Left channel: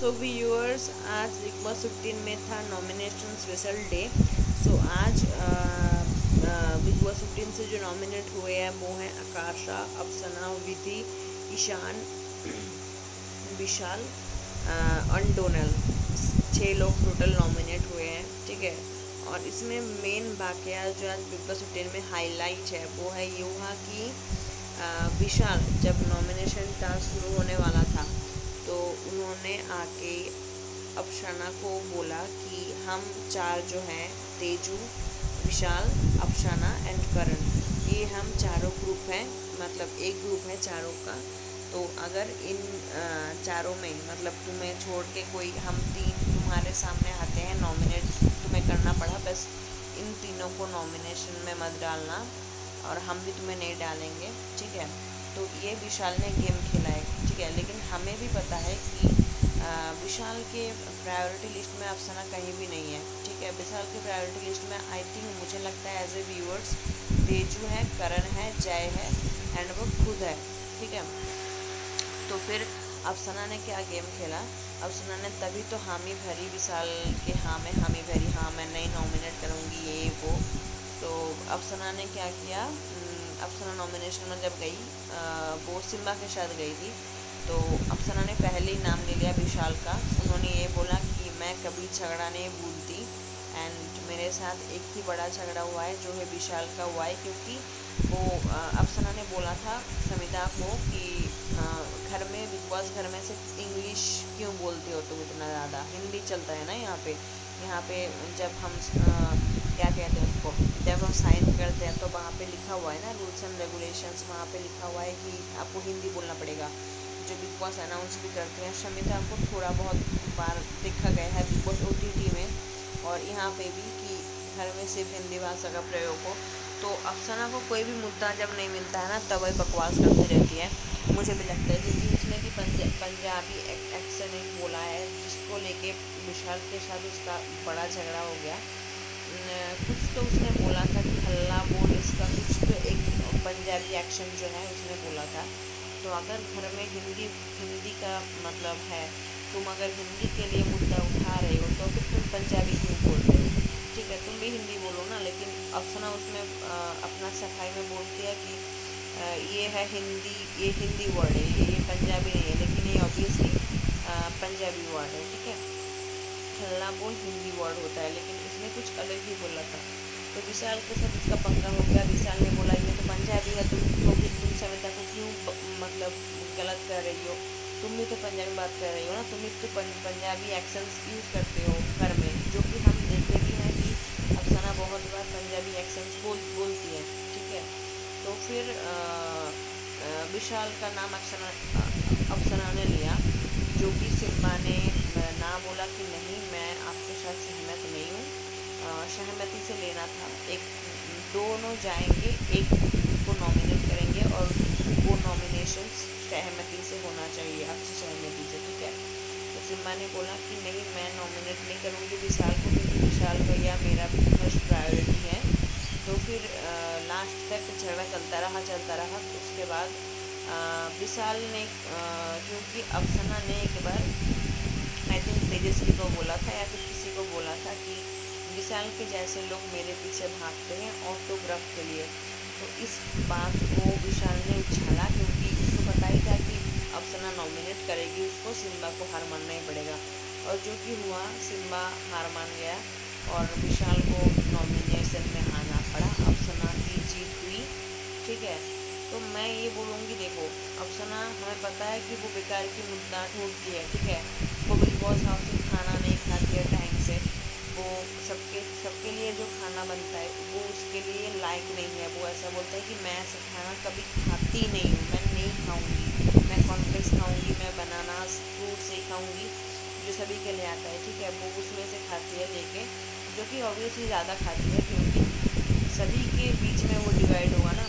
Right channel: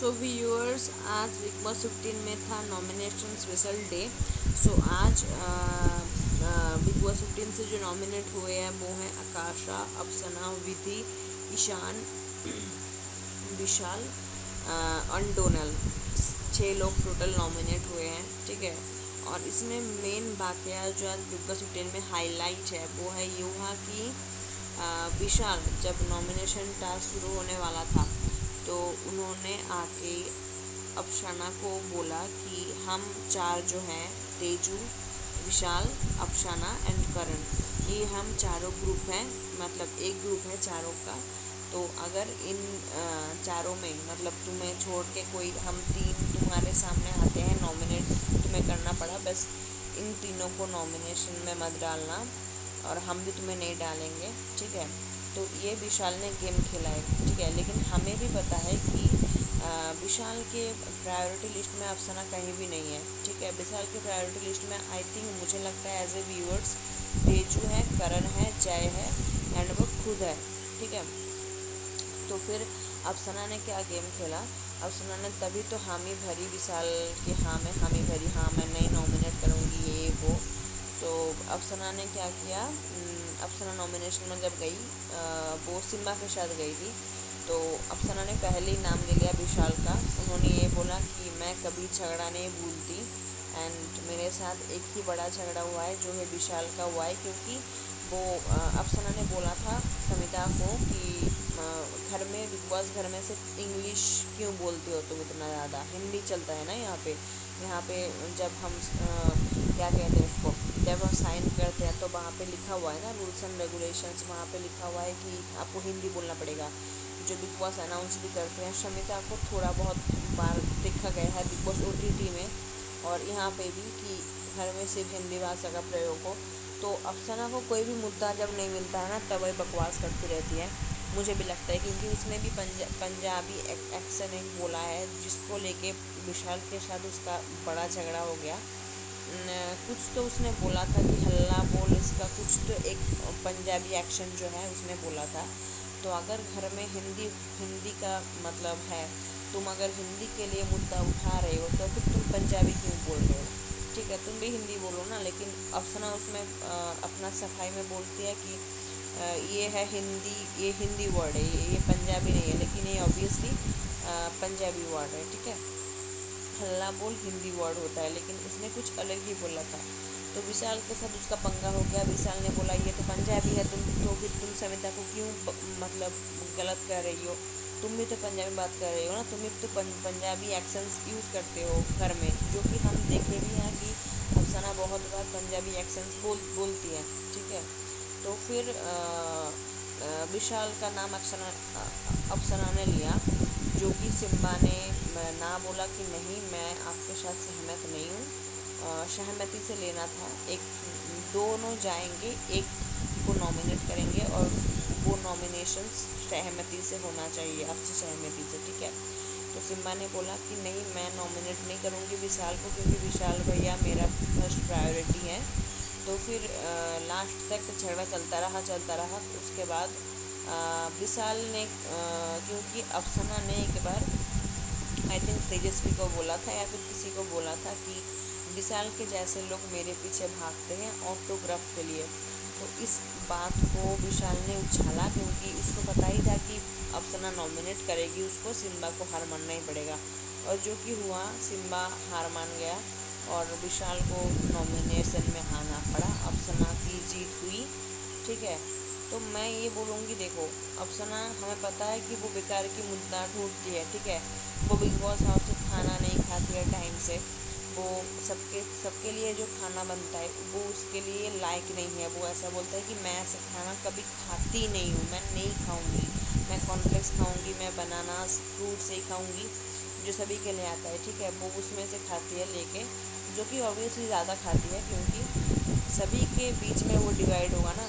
So viewers, आज big boss 15 में था नॉमिनेशन स्पेशल डे। सो आज बिग बॉस 15 से जो नॉमिनेट हुए हैं वो हैं आकाशा, अफसना, विधि, ईशान, विशाल और डोनल। 6 लोग टोटल नॉमिनेट हुए हैं, ठीक है। और इसमें मेन वाकया जो आज बिग बॉस 15 में हाईलाइट है वो है ये हुआ कि विशाल जब नॉमिनेशन टास्क शुरू होने वाला था तो उन्होंने आके अफसाना को बोला कि हम 4 जो हैं, तेजू, विशाल, अफसाना एंड करण, ये हम चारों ग्रुप हैं, मतलब एक ग्रुप है चारों का। तो अगर इन चारों में मतलब तुम्हें छोड़ के कोई हम 3 तुम्हारे सामने आते हैं, नॉमिनेट तुम्हें करना पड़ा, बस इन तीनों को नॉमिनेशन में मत डालना और हम भी तुम्हें नहीं डालेंगे, ठीक है। तो ये विशाल ने गेम खेला है, ठीक है। लेकिन हमें भी पता है कि विशाल के प्रायोरिटी लिस्ट में अफसाना कहीं भी नहीं है, ठीक है। विशाल के प्रायोरिटी लिस्ट में आई थिंक मुझे लगता है एज ए व्यूअर्स तेजू है, करण है, जय है एंड वो खुद है, ठीक है। तो फिर अफसाना ने क्या गेम खेला, अफसाना ने तभी तो हामी भरी विशाल के हाँ में हामी भरी, हाँ मैं नहीं नॉमिनेट करूँगी ये वो। तो अफसाना ने क्या किया, अफसाना नॉमिनेशन में जब गई वो सिम्बा के साथ गई थी, तो अफसाना ने पहले ही नाम ले लिया विशाल का। उन्होंने ये बोला कि मैं कभी झगड़ा नहीं भूलती एंड मेरे साथ एक ही बड़ा झगड़ा हुआ है जो है विशाल का हुआ है, क्योंकि वो अफसाना ने बोला था समिता को कि घर में बिग बॉस घर में सिर्फ इंग्लिश क्यों बोलते हो तुम इतना ज़्यादा, हिंदी चलता है ना यहाँ पे जब हम क्या कहते हैं उसको, जब हम साइन करते हैं तो वहाँ पे लिखा हुआ है ना रूल्स एंड रेगुलेशंस, वहाँ पे लिखा हुआ है कि आपको हिंदी बोलना पड़ेगा, जो बिग बॉस अनाउंस भी करते हैं। शमिता को थोड़ा बहुत बार देखा गया है बिग बॉस OTT में और यहाँ पे भी कि घर में सिर्फ हिंदी भाषा का प्रयोग हो। तो अफसाना को कोई भी मुद्दा जब नहीं मिलता है ना तब वही बकवास करती रहती है, मुझे भी लगता है, क्योंकि उसने भी पंजाबी एक्सेंट एक बोला है जिसको लेके विशाल के साथ उसका बड़ा झगड़ा हो गया। कुछ तो उसने बोला था कि हल्ला बोल, इसका कुछ तो एक पंजाबी एक्शन जो है उसने बोला था। तो अगर घर में हिंदी हिंदी का मतलब है, तुम अगर हिंदी के लिए मुद्दा उठा रहे हो तो फिर तुम पंजाबी क्यों बोल रहे हो, ठीक है, तुम भी हिंदी बोलो ना। लेकिन अफसाना उसमें अपना सफाई में बोलती है कि ये है हिंदी, ये हिंदी वर्ड है, ये पंजाबी नहीं है, लेकिन ये ऑब्वियसली पंजाबी वर्ड है, ठीक है। हल्ला बोल हिंदी वर्ड होता है, लेकिन इसने कुछ अलग ही बोला था। तो विशाल के साथ इसका पंगा हो गया। विशाल ने बोला ये तो पंजाबी है, तुम तो फिर तुम समिता को क्यों मतलब गलत कर रही हो, तुम भी तो पंजाबी बात कर रही हो ना, तुम भी तो पंजाबी एक्सेंट्स यूज़ करते हो घर में, जो कि हम देखते भी हैं कि अफसाना बहुत बार पंजाबी एक्सेंट्स बोलती है, ठीक है। तो फिर विशाल का नाम अफसाना ने लिया, जो कि सिम्बा ने ना बोला कि नहीं मैं आपके साथ सहमत नहीं हूँ, सहमति से लेना था, एक दोनों जाएंगे, एक को नॉमिनेट करेंगे और वो नॉमिनेशन सहमति से होना चाहिए, आपसी सहमति से, ठीक है। तो सिम्बा ने बोला कि नहीं मैं नॉमिनेट नहीं करूँगी विशाल को, क्योंकि विशाल भैया मेरा फर्स्ट प्रायोरिटी है। तो फिर लास्ट तक झगड़ा चलता रहा। उसके बाद विशाल ने क्योंकि अफसाना ने एक बार आई थिंक तेजस्वी को बोला था या फिर किसी को बोला था कि विशाल के जैसे लोग मेरे पीछे भागते हैं ऑटोग्राफ के लिए, तो इस बात को विशाल ने उछाला, क्योंकि इसको पता ही था कि अफसाना नॉमिनेट करेगी उसको, सिम्बा को हार मानना ही पड़ेगा। और जो कि हुआ, सिम्बा हार मान गया और विशाल को नॉमिनेशन में आना पड़ा, अफसाना की जीत हुई, ठीक है। तो मैं ये बोलूँगी, देखो अफसाना हमें पता है कि वो बेकार की मुद्दा ढूंढती है, ठीक है। वो बिग बॉस हाउस में खाना नहीं खाती है टाइम से, वो सबके लिए जो खाना बनता है वो उसके लिए लायक नहीं है। वो ऐसा बोलता है कि मैं ऐसा खाना कभी खाती नहीं हूँ, मैं नहीं खाऊंगी, मैं कॉर्नफ्लेक्स खाऊंगी, मैं बनानास फ्रूट से ही खाऊंगी, जो सभी के लिए आता है, ठीक है। वो उसमें से खाती है लेके, जो कि ऑब्वियसली ज़्यादा खाती है, क्योंकि सभी के बीच में वो डिवाइड होगा ना,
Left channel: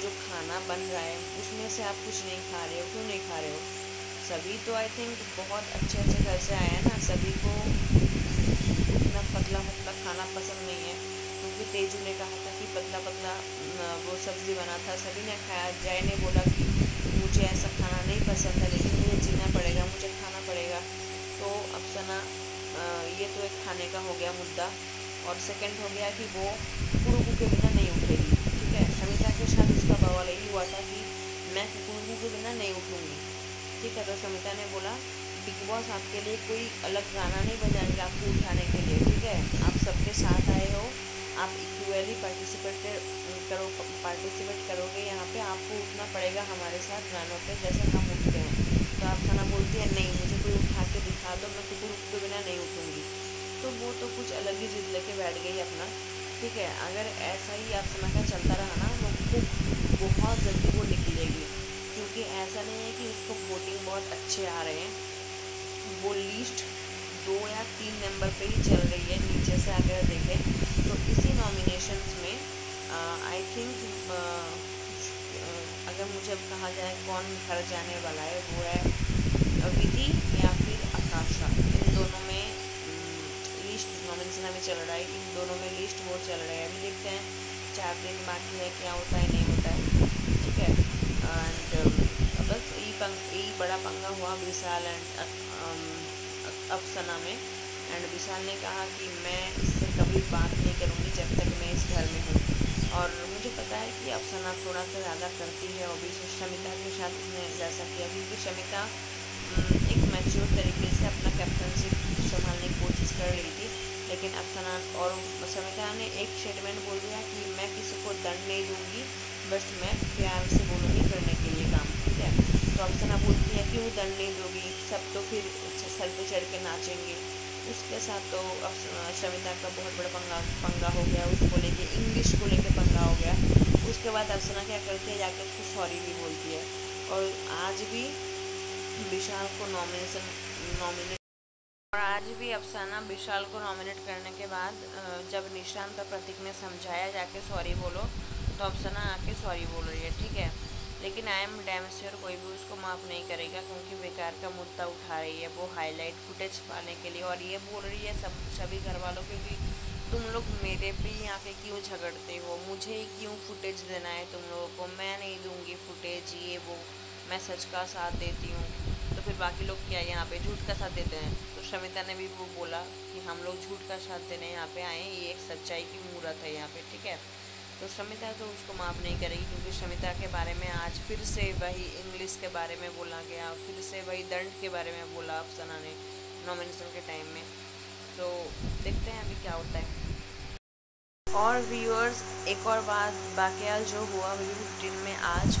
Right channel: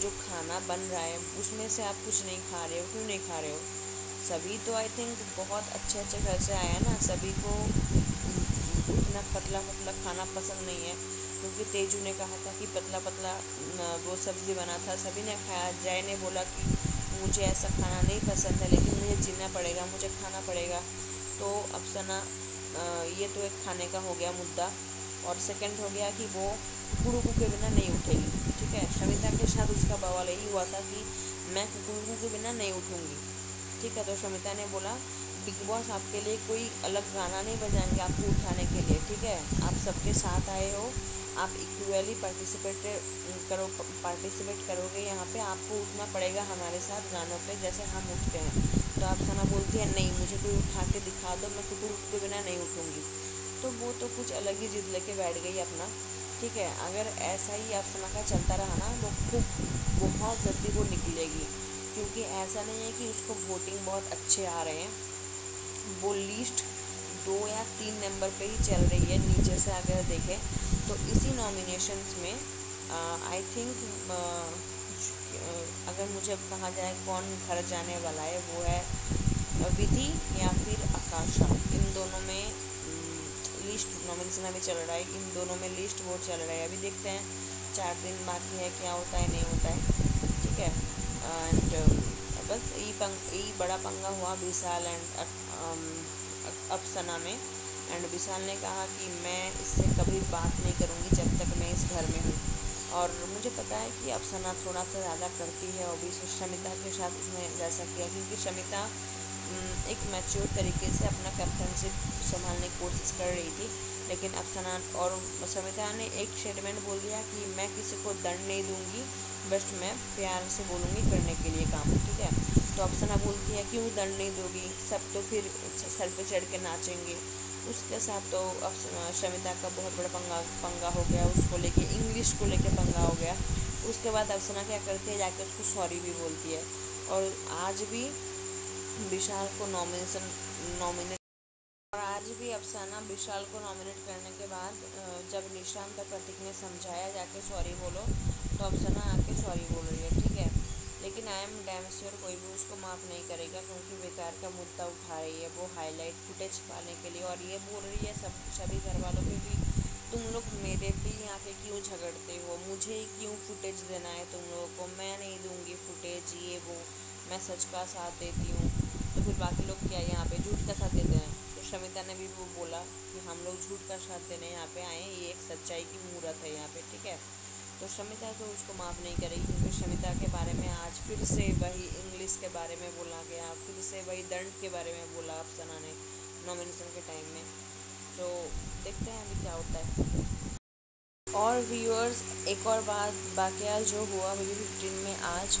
जो खाना बन रहा है उसमें से आप कुछ नहीं खा रहे हो, क्यों नहीं खा रहे हो, सभी तो आई थिंक बहुत अच्छे घर से आए हैं ना, सभी को उतना पतला खाना पसंद नहीं है, क्योंकि तेजू ने कहा था कि पतला वो सब्ज़ी बना था, सभी ने खाया। जय ने बोला कि मुझे ऐसा खाना नहीं पसंद है, लेकिन मुझे जीना पड़ेगा, मुझे खाना पड़ेगा। तो अफसाना ये तो एक खाने का हो गया मुद्दा। और सेकंड हो गया कि वो कुकुड़ुकू के बिना नहीं उठेगी। ठीक है, शमिता के साथ उसका बवाल यही हुआ था कि मैं कुकुड़ुकू के बिना नहीं उठूँगी। ठीक है, तो शमिता ने बोला बिग बॉस आपके लिए कोई अलग गाना नहीं बजाएंगे आपको उठाने के लिए। ठीक है, आप सबके साथ आए हो, आप इक्वली पार्टिसिपेट करोगे यहाँ पे, आपको उठना पड़ेगा हमारे साथ गानों पे जैसे हम उठते हैं। तो अफसाना बोलती है नहीं, मुझे कोई उठा के दिखा दो, मैं कुकुड़ुकू के बिना नहीं उठूँगी। तो वो तो कुछ अलग ही जिद लेके बैठ गई अपना। ठीक है, अगर ऐसा ही अफसाना का चलता रहा ना, वो खूब बहुत जल्दी वो निकलेगी, क्योंकि ऐसा नहीं है कि उसको वोटिंग बहुत अच्छे आ रहे हैं। वो लीस्ट 2 या 3 नंबर पे ही चल रही है नीचे से अगर देखें तो। इसी नॉमिनेशंस में आई थिंक अगर मुझे कहा जाए कौन घर जाने वाला है, वो है विधि या फिर आकाशा। इन दोनों में लिस्ट नॉमिनेशन अभी चल रहा है, इन दोनों में लिस्ट वोट चल रहे हैं। अभी देखते हैं 4 दिन बाकी है, क्या होता है नहीं होता है। ठीक है, एंड बस यही बड़ा पंगा हुआ विशाल एंड अफसाना में। एंड विशाल ने कहा कि मैं इससे कभी बात नहीं करूँगी जब तक मैं इस घर में हूँ। और मुझे पता है कि अफसाना थोड़ा सा ज़्यादा करती है, और भी शमिता के साथ उसने जैसा किया, क्योंकि शमिता एक मैच्योर तरीके से अपना कैप्टनशिप संभालने की कोशिश कर रही थी। लेकिन अफसाना और शमिता ने एक स्टेटमेंट बोल दिया कि मैं किसी को दंड नहीं दूंगी, बस मैं प्यार से बोलूँगी करने के लिए काम। ठीक है, तो अफसाना बोलती है क्यों दंड नहीं दोगी, सब तो फिर सर पे चढ़ के नाचेंगे। उसके साथ तो शमिता का बहुत बड़ा पंगा हो गया, उसको लेके इंग्लिश को लेके पंगा हो गया। उसके बाद अफसाना क्या करती है, जाके उसको सॉरी भी बोलती है। और आज भी विशाल को नॉमिनेट और आज भी अफसाना विशाल को नॉमिनेट करने के बाद जब निशांत और प्रतीक ने समझाया जाके सॉरी बोलो, तो अफसाना आके सॉरी बोल रही है। ठीक है, लेकिन आई एम डैम श्योर कोई भी उसको माफ़ नहीं करेगा, क्योंकि बेकार का मुद्दा उठा रही है वो हाईलाइट फुटेज पाने के लिए। और ये बोल रही है सभी घर वालों के भी, तुम लोग मेरे पे ही आके क्यों झगड़ते हो, मुझे ही क्यों फुटेज देना है तुम लोगों को, मैं नहीं दूंगी फुटेज, ये वो, मैं सच का साथ देती हूँ। तो फिर बाकी लोग क्या यहाँ पे झूठ का साथ देते हैं। तो शमिता ने भी वो बोला कि हम लोग झूठ का साथ देने यहाँ पे आए हैं, ये एक सच्चाई की मूरत है यहाँ पे। ठीक है, तो शमिता तो उसको माफ़ नहीं करेगी, क्योंकि शमिता के बारे में आज फिर से वही इंग्लिश के बारे में बोला गया, फिर से वही दंड के बारे में बोला अफसाना ने नॉमिनेशन के टाइम में। तो देखते हैं अभी क्या होता है। और व्यूअर्स, एक और बात वाकया जो हुआ वीडियो 15 में आज,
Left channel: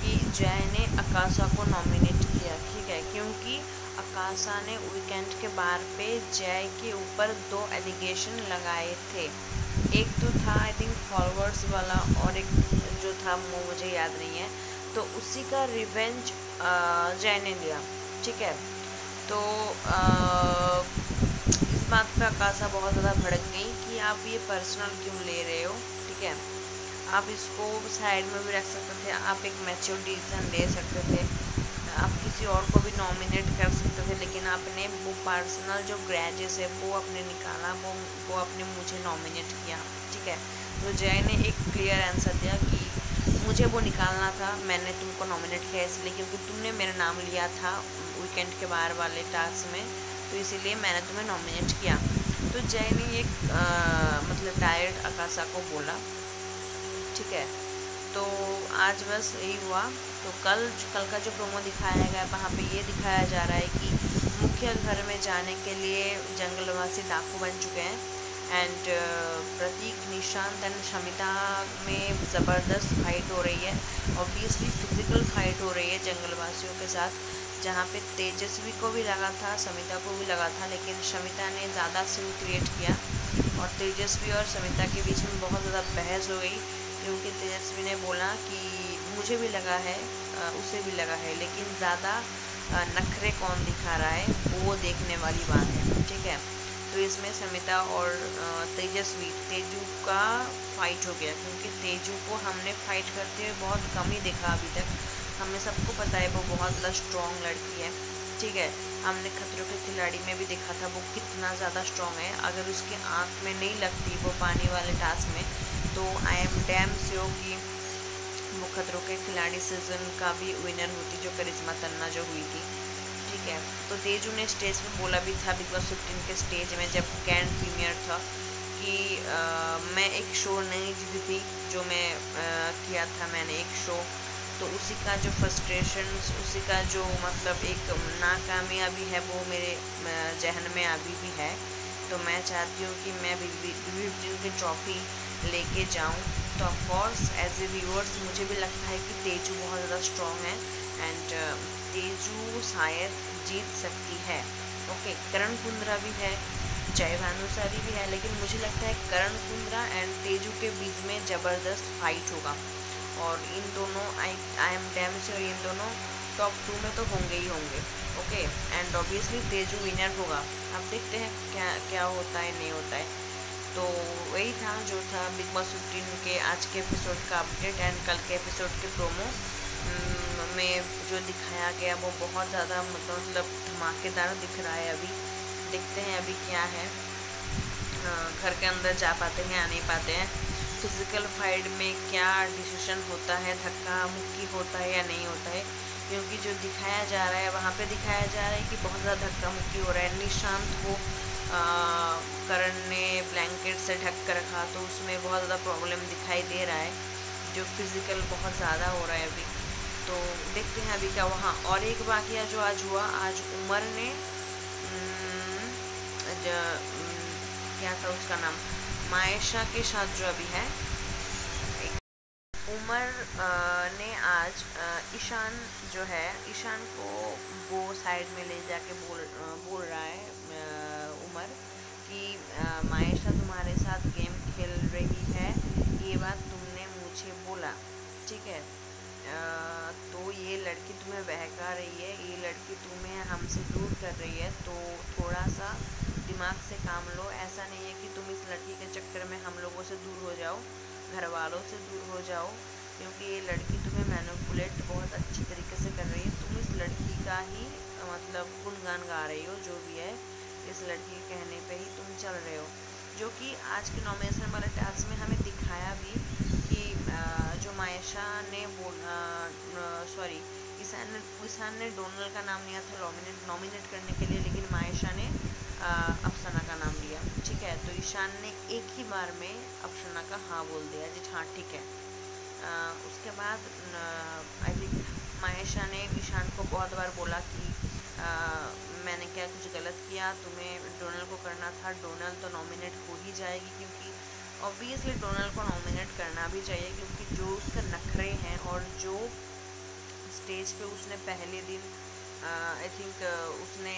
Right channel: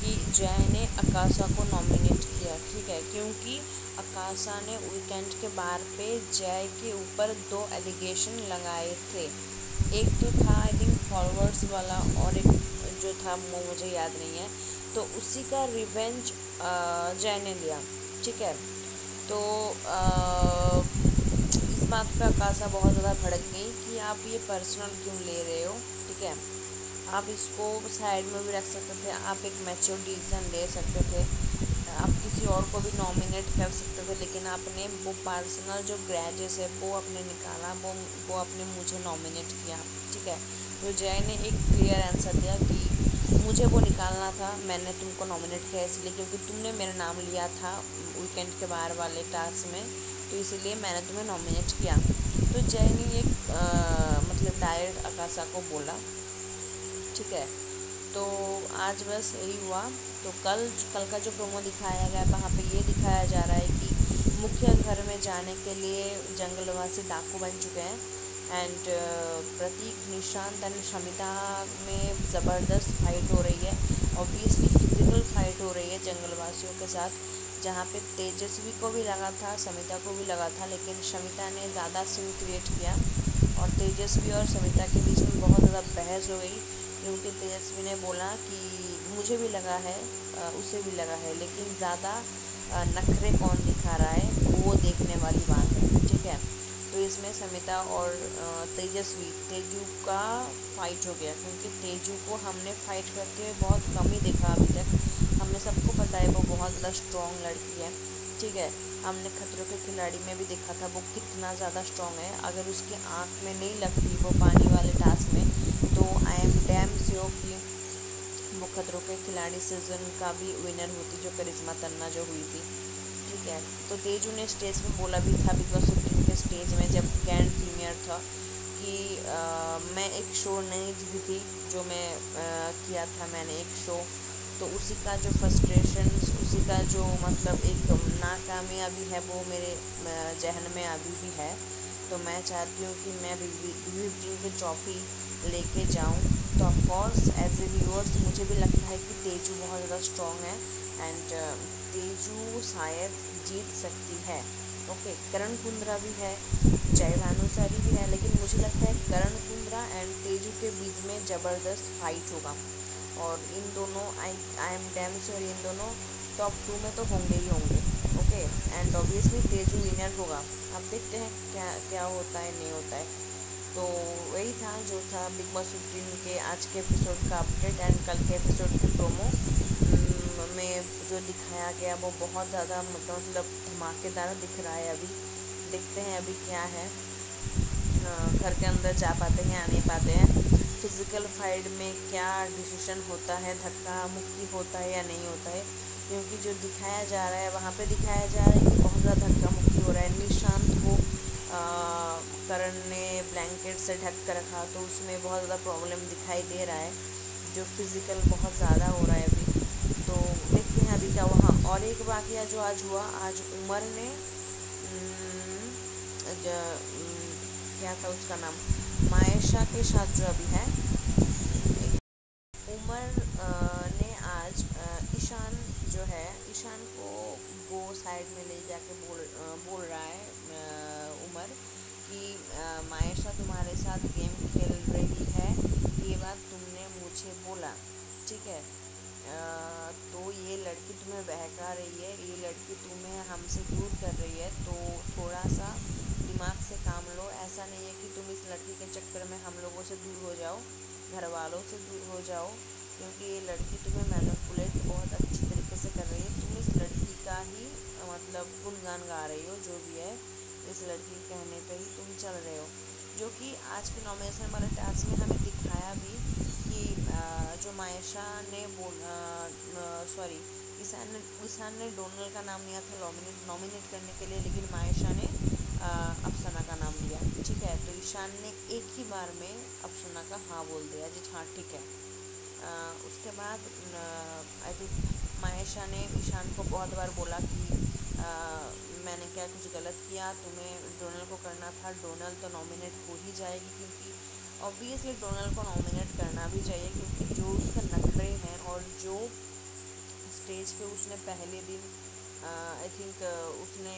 कि जय ने आकाशा को नॉमिनेट किया। ठीक है, क्योंकि आकाशा ने वीकेंड के बार पे जय के ऊपर 2 एलिगेशन लगाए थे। एक तो था आई थिंक फॉलोअर्स वाला, और एक जो था वो मुझे याद नहीं है। तो उसी का रिवेंज जय ने लिया। ठीक है, तो इस बात पे आकाशा बहुत ज़्यादा भड़क गई कि आप ये पर्सनल क्यों ले रहे हो। ठीक है, आप इसको साइड में भी रख सकते थे, आप एक मैच्योर डिसीजन ले सकते थे, आप किसी और को भी नॉमिनेट कर सकते थे, लेकिन आपने वो पर्सनल जो ग्रैजेस है वो अपने निकाला, वो अपने मुझे नॉमिनेट किया। ठीक है, तो जय ने एक क्लियर आंसर दिया कि मुझे वो निकालना था, मैंने तुमको नॉमिनेट किया इसलिए क्योंकि तुमने मेरा नाम लिया था वीकेंड के बाहर वाले टास्क में, तो इसीलिए मैंने तुम्हें नॉमिनेट किया। तो जय ने एक मतलब डायरेक्ट आकाशा को बोला। ठीक है, तो आज बस यही हुआ। तो कल का जो प्रोमो दिखाया गया वहाँ पे ये दिखाया जा रहा है कि मुख्य घर में जाने के लिए जंगलवासी डाकू बन चुके हैं। एंड प्रतीक, निशांत एंड शमिता में ज़बरदस्त फाइट हो रही है, ऑब्वियसली फिजिकल फाइट हो रही है जंगलवासियों के साथ, जहाँ पे तेजस्वी को भी लगा था, शमिता को भी लगा था, लेकिन शमिता ने ज़्यादा सीन क्रिएट किया और तेजस्वी और शमिता के बीच में बहुत ज़्यादा बहस हो गई, क्योंकि तेजस्वी ने बोला कि मुझे भी लगा है, उसे भी लगा है, लेकिन ज़्यादा नखरे कौन दिखा रहा है वो देखने वाली बात है। ठीक है, तो इसमें शमिता और तेजू का फाइट हो गया, क्योंकि तेजू को हमने फाइट करते हुए बहुत कम ही देखा अभी तक। हमें सबको पता है वो बहुत ज़्यादा स्ट्रॉन्ग लड़की है। ठीक है, हमने खतरों के खिलाड़ी में भी देखा था वो कितना ज़्यादा स्ट्रॉन्ग है। अगर उसके आँख में नहीं लगती वो पानी वाले टास्क में, तो आई एम डैम श्योर कि वो खतरों के खिलाड़ी सीजन का भी विनर होती, जो करिश्मा तन्ना जो हुई थी। ठीक है, तो तेजू ने स्टेज पे बोला भी था बिग बॉस 15 के स्टेज में जब ग्रैंड प्रीमियर था कि मैं एक शो नहीं जीती थी, जो मैं किया था, मैंने एक शो, तो उसी का जो फ्रस्ट्रेशन, उसी का जो मतलब एक नाकामयाबी है वो मेरे जहन में अभी भी है। तो मैं चाहती हूँ कि मैं बिग 15 की ट्रॉफी लेके जाऊँ। तो ऑफकोर्स एज ए व्यूअर्स मुझे भी लगता है कि तेजू बहुत ज़्यादा स्ट्रॉन्ग है एंड तेजू शायद जीत सकती है। ओके, करण कुंद्रा भी है, जय भानुशाली भी है, लेकिन मुझे लगता है करण कुंद्रा एंड तेजू के बीच में ज़बरदस्त फाइट होगा और इन दोनों आई एम डैम श्योर इन दोनों टॉप 2 में तो होंगे ही होंगे। Okay, and obviously Teju winner होगा। अब देखते हैं क्या क्या होता है, नहीं होता है। तो वही था जो था बिग बॉस 15 के आज के एपिसोड का अपडेट एंड कल के एपिसोड के प्रोमो में जो दिखाया गया वो बहुत ज़्यादा मतलब धमाकेदार दिख रहा है। अभी देखते हैं अभी क्या है, घर के अंदर जा पाते हैं या नहीं पाते हैं, फिजिकल फाइट में क्या डिसीजन होता है, धक्का मुक्की होता है या नहीं होता है। क्योंकि जो दिखाया जा रहा है वहाँ पे दिखाया जा रहा है कि बहुत ज़्यादा धक्का मुक्की हो रहा है। निशांत को करण ने ब्लैंकेट से ढक कर रखा, तो उसमें बहुत ज़्यादा प्रॉब्लम दिखाई दे रहा है, जो फिज़िकल बहुत ज़्यादा हो रहा है अभी। तो देखते हैं अभी क्या। वहाँ और एक वाक़या जो आज हुआ, आज उमर ने क्या था उसका नाम, मायशा के साथ जो अभी है, उमर ने आज ईशान जो है, ईशान को वो साइड में ले जाके बोल रहा है उमर कि मायशा तुम्हारे साथ गेम खेल रही है, ये बात तुमने मुझे बोला, ठीक है। तो ये लड़की तुम्हें बहका रही है, ये लड़की तुम्हें हमसे दूर कर रही है, तो थोड़ा सा दिमाग से काम लो। ऐसा नहीं है कि तुम इस लड़की के चक्कर में हम लोगों से दूर हो जाओ, घर वालों से दूर हो जाओ, क्योंकि ये लड़की तुम्हें मैनिपुलेट बहुत अच्छी तरीके से कर रही है। तुम इस लड़की का ही मतलब गुणगान गा रही हो, जो भी है इस लड़की के कहने पे ही तुम चल रहे हो, जो कि आज के नॉमिनेशन वाले टास्क में हमें दिखाया भी कि जो मायशा ने सॉरी ईशान ने डोनल का नाम लिया था नॉमिनेट करने के लिए, लेकिन मायशा ने अफसाना का नाम लिया, ठीक है। तो ईशान ने एक ही बार में अफसाना का हाँ बोल दिया जी, हाँ ठीक है। उसके बाद आई थिंक मायशा ने ईशान को बहुत बार बोला कि मैंने क्या कुछ गलत किया, तुम्हें डोनल को करना था, डोनल तो नॉमिनेट हो ही जाएगी, क्योंकि ऑब्वियसली डोनल को नॉमिनेट करना भी चाहिए, क्योंकि जो उसके नखरे हैं और जो स्टेज पे उसने पहले दिन आई थिंक उसने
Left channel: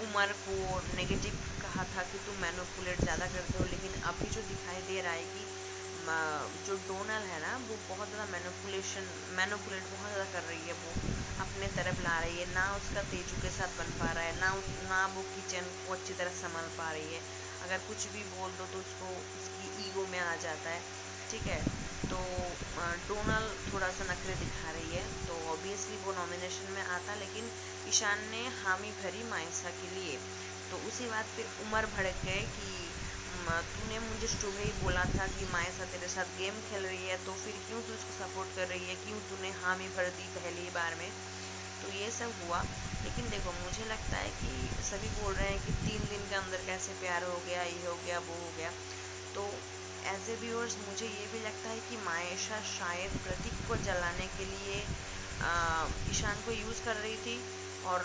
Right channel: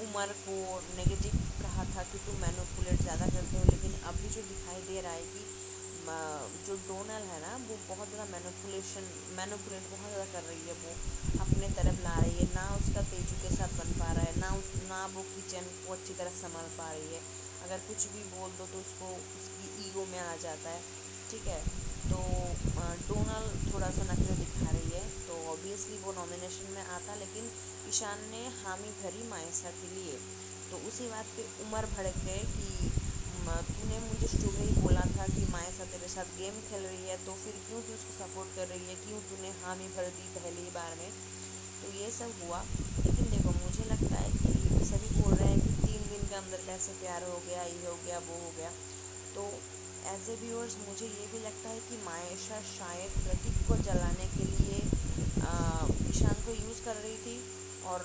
उमर को नेगेटिव कहा था कि तुम मैनिपुलेट ज़्यादा करते हो, लेकिन अभी जो दिखाई दे रहा है कि जो डोनल है ना, वो बहुत ज़्यादा मैनिपुलेट बहुत ज़्यादा कर रही है, वो अपने तरफ ला रही है, ना उसका तेजू के साथ बन पा रहा है, ना वो किचन को अच्छी तरह संभाल पा रही है। अगर कुछ भी बोल दो तो उसको उसकी ईगो में आ जाता है, ठीक है। तो डोनल थोड़ा सा नखरे दिखा रही है, तो ऑब्वियसली वो नॉमिनेशन में आता, लेकिन ईशान ने हामी भरी मायशा के लिए। तो उसी बात पे उमर भड़क गए कि तूने मुझे सुबह ही बोला था कि मायशा तेरे साथ गेम खेल रही है, तो फिर क्यों तू उसको सपोर्ट कर रही है, क्यों तूने हामी भर दी पहली बार में। तो ये सब हुआ, लेकिन देखो मुझे लगता है कि सभी बोल रहे हैं कि 3 दिन के अंदर कैसे प्यार हो गया, ये हो गया, वो हो गया। तो एज ए व्यूअर्स मुझे ये भी लगता है कि मायशा शायद प्रदीप को जलाने के लिए ईशान को यूज़ कर रही थी, और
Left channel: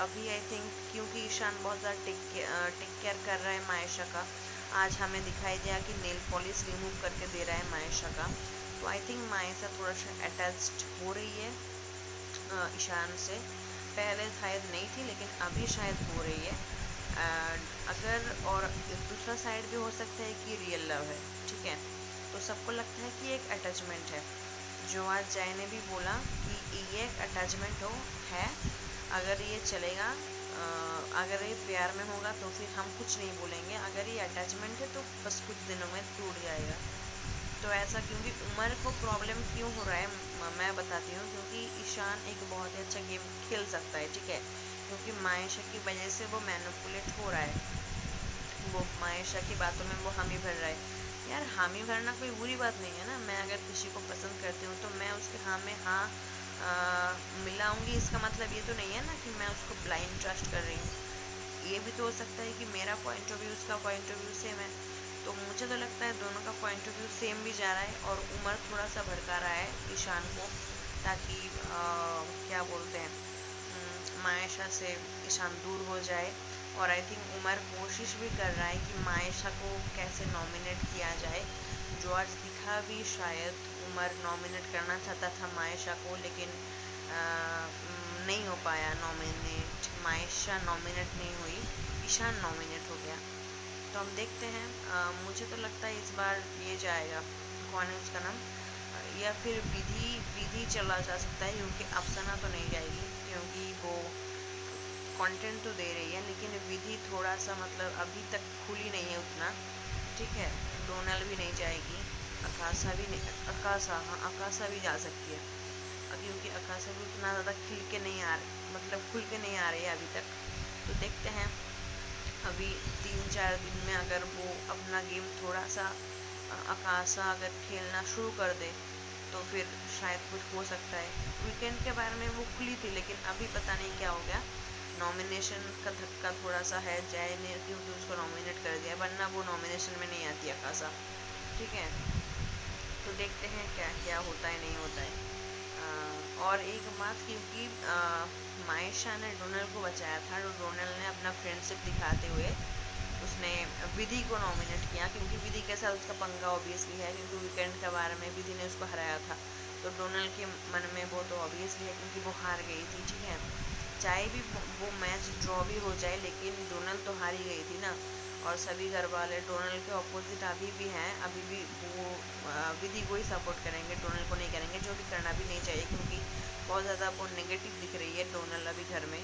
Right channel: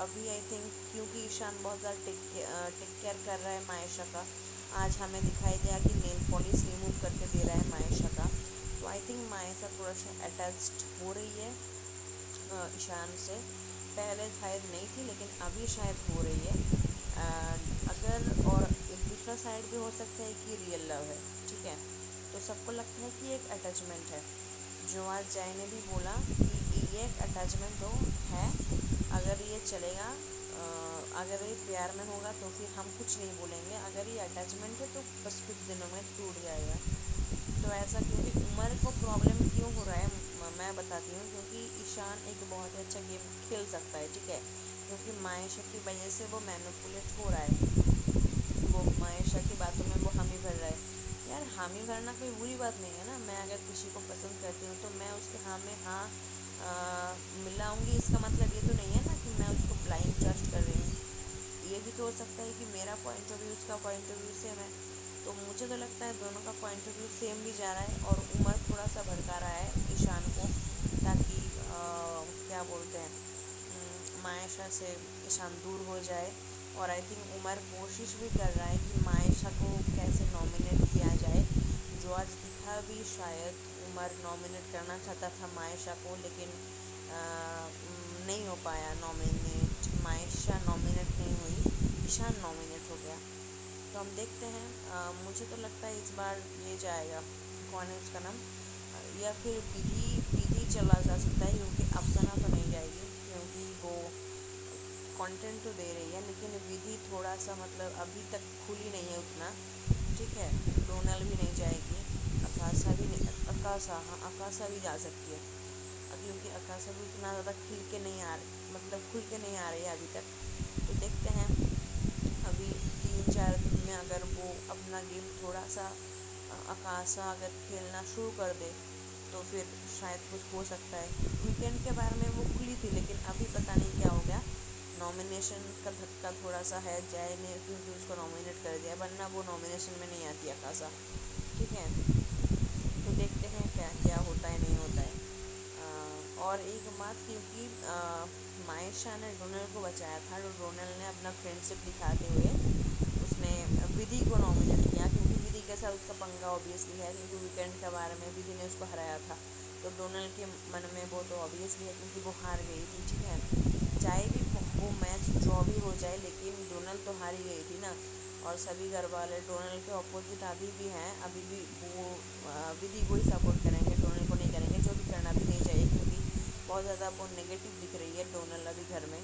अभी आई थिंक क्योंकि ईशान बहुत ज़्यादा टेक केयर कर रहा है मायशा का, आज हमें दिखाई दिया कि नेल पॉलिश रिमूव करके दे रहा है मायशा का, तो आई थिंक मायशा थोड़ा सा अटैच्ड हो रही है ईशान से। पहले शायद नहीं थी, लेकिन अभी शायद हो रही है। एंड अगर और दूसरा साइड भी हो सकता है कि रियल लव है, ठीक है। तो सबको लगता है कि एक अटैचमेंट है, जो आज जय ने भी बोला कि ये एक अटैचमेंट है, अगर ये चलेगा, अगर ये प्यार में होगा तो फिर हम कुछ नहीं बोलेंगे, अगर ये अटैचमेंट है तो बस कुछ दिनों में टूट जाएगा। तो ऐसा क्योंकि उमर को प्रॉब्लम क्यों हो रहा है, मैं बताती हूँ। क्योंकि ईशान एक बहुत ही अच्छा गेम खेल सकता है, ठीक है, क्योंकि मायशा की वजह से वो मैनिपुलेट हो रहा है, वो मायशा की बातों में वो हामी भर रहा है। यार हामी भरना कोई बुरी बात नहीं है ना। मैं अगर किसी को पसंद करती हूँ तो मैं उसके हाँ में हाँ मिलाऊंगी। इसका मतलब ये तो नहीं है ना कि मैं उसको ब्लाइंड ट्रस्ट कर रही हूँ। ये भी तो हो सकता है कि मेरा पॉइंट ऑफ व्यू उसका पॉइंट ऑफ व्यू सेम है। तो मुझे तो लगता है दोनों का पॉइंट ऑफ व्यू सेम भी जा रहा है। और उमर थोड़ा सा भड़का रहा है ईशान को, ताकि क्या बोलते हैं, मायशा से ईशान दूर हो जाए। और आई थिंक उमर कोशिश भी कर रहा है कि मायशा को कैसे नॉमिनेट किया जाए, जो आज दिखा भी। शायद उमर नॉमिनेट करना चाहता था मायशा को, लेकिन नहीं हो पाया नॉमिनेट। मायशा नॉमिनेट नहीं हुई, ईशान नॉमिनेट हो गया। तो हम देखते हैं। मुझे तो लगता है इस बार ये जाएगा, कौन है उसका नाम, या फिर विधि। विधि चला जा सकता है, क्योंकि अफसाना तो नहीं जाएगी, क्योंकि वो कंटेंट तो दे रही है। लेकिन विधि थोड़ा सा मतलब अभी तक खुली नहीं है उतना, ठीक है। डोनल भी नहीं जाएगी, अकाशा भी नहीं, अकाशा, हाँ अकाशा भी जा सकती है, क्योंकि अकाशा भी उतना ज़्यादा खिल के नहीं आ रही, मतलब खुल के नहीं आ रही है अभी तक। तो देखते हैं अभी 3-4 दिन में अगर वो अपना गेम थोड़ा सा अकाशा अगर खेलना शुरू कर दे तो फिर शायद कुछ हो सकता है। वीकेंड के बारे में वो खुली थी, लेकिन अभी पता नहीं क्या हो गया। नॉमिनेशन का धक्का थोड़ा सा है, जय ने क्योंकि उसको नॉमिनेट कर दिया, वरना वो नॉमिनेशन में नहीं आती अकाशा, ठीक है। तो देखते हैं क्या क्या होता है नहीं होता है। और एक बात, क्योंकि मायशा ने डोनल को बचाया था, तो डोनल ने अपना फ्रेंडशिप दिखाते हुए उसने विधि को नॉमिनेट किया, क्योंकि विधि के साथ उसका पंगा ऑब्वियसली है, क्योंकि वीकेंड के बारे में विधि ने उसको हराया था। तो डोनल के मन में वो तो ऑब्वियसली है, क्योंकि वो हार गई थी, ठीक है। चाहे भी वो मैच ड्रॉ भी हो जाए, लेकिन डोनल तो हार ही गई थी ना। और सभी घर वाले डोनल के अपोजिट अभी भी हैं, अभी भी वो विधि को ही सपोर्ट करेंगे, डोनल को नहीं करेंगे, जो कि करना भी नहीं चाहिए, क्योंकि बहुत ज़्यादा वो नेगेटिव दिख रही है डोनल अभी घर में।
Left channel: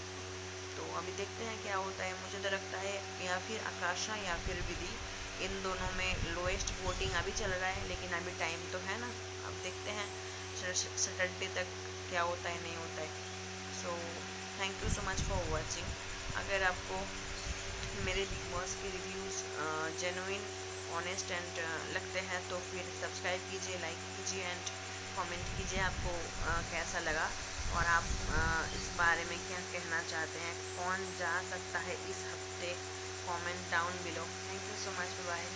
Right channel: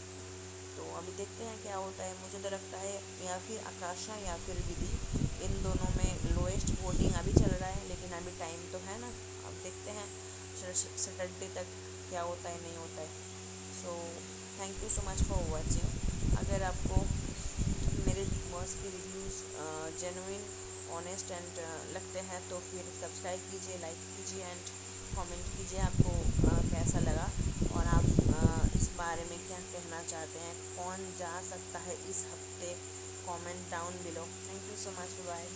तो अभी देखते हैं क्या होता है। मुझे तो लगता है या फिर आकाशा या फिर विधि, इन दोनों में लोएस्ट वोटिंग अभी चल रहा है, लेकिन अभी टाइम तो है ना। अब देखते हैं सैटरडे तक क्या होता है नहीं होता है। So thank you so much for watching. अगर आपको मेरे बिग बॉस के रिव्यूज़ जेन्युइन, ऑनेस्ट एंड लगते हैं तो फिर सब्सक्राइब कीजिए, लाइक कीजिए एंड कमेंट कीजिए आपको कैसा लगा, और आप इस बारे में क्या कहना चाहते हैं, कौन जा सकता है इस हफ्ते। Comment down below. Thank you so much, bye.